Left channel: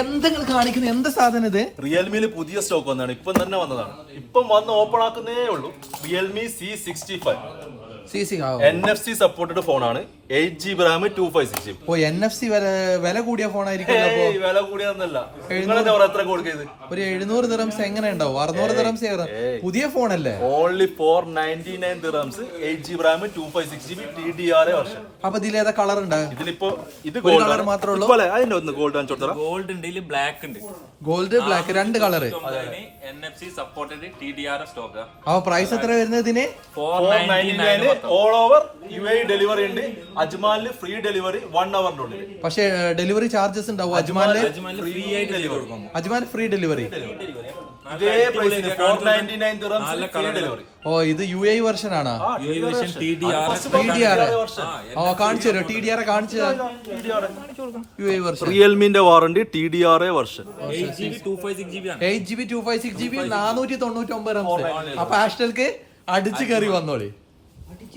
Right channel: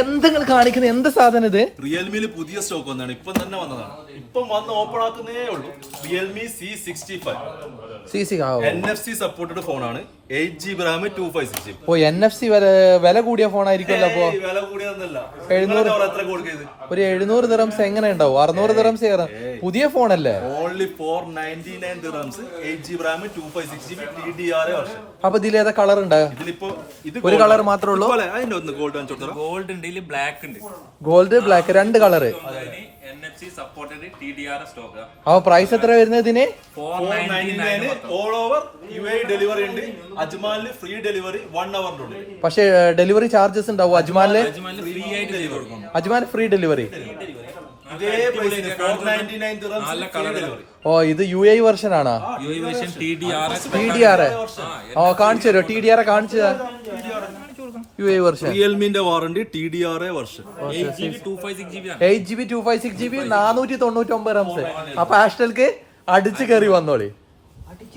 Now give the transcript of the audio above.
എന്തെങ്കിലും കാണിക്കുന്ന എന്ത് സാധനം ഇത്? റിയൽമിയിൽ പുതിയ സ്റ്റോക്ക് വന്നതാണ്, ഇപ്പം തന്നെ വന്നതാണ്. ഇപ്പം വന്ന് ഓപ്പൺ ആക്കുന്നേ ഉള്ളൂ. റിയൽമി C65 NFC സപ്പോർട്ടഡ് ഫോണാണ്. 8GB RAM 256GB. NFC വില കൂടിയ ഫോണായിരിക്കും. വില കൂടിയൊന്നല്ല. നിങ്ങളൊക്കെ എത്ര കൊടുക്കുന്നത്? ഒരു 700 ദിറംസ് എങ്ങനെ ഉണ്ടാവും? 600 ദിറംസ് പുതിയ ഫോണല്ലേ? Only 499 dirhams, 8GB RAM 256GB TDRA വർഷം. അപ്പൊ ഇതിലേതാ കളർ ഉണ്ട്? ഇതിലിപ്പോ ഇത് കളർ മാത്രമേ ഉള്ളൂ. അതിന്റെ ഒന്ന് ഗോൾഡ് കാണിച്ചോട്ടാ. ഗോൾഡ് ഉണ്ട്, ബ്ലാക്ക് ഉണ്ട്. ഗോൾഡ് ബ്ലാക്ക് രണ്ട് colour. NFC supported TDRA stock. അപ്പൊ പ്രൈസ് എത്ര വരുന്നത് ഇതിന്? 499 ഓൾ ഓവർ UAE ഡെലിവറി ഉണ്ട്. അജ്മാലിന് ഫ്രീ ഡെലിവറി 1 അവറിന്റെ ഉള്ളിൽ. പക്ഷേ ഡെലിവറി ചാർജസ് ഉണ്ടാവും അജ്മാലില്? ഫ്രീ ആയിട്ട് ഡെലിവറി കൊടുക്കും. Ajmal free delivery. ഇതേ പ്രൈസിന് 499 ദിറംസ് ഫ്രീ ഡെലിവറി. ഓ ഇത് UAE വെർഷൻ ആണ്. UAE version TDRA. കാണിച്ചു തരോ? TDRA കാണിച്ചു തരാം. UAE വെർഷൻ റിയൽമിന്റെ warranty TDRA version. 8GB 256GB ആണ്. 8GB 256GB 499 dirhams. അപ്പൊ ആസ്റ്റൽക്ക് അടിച്ചു കയറി വന്നോളി.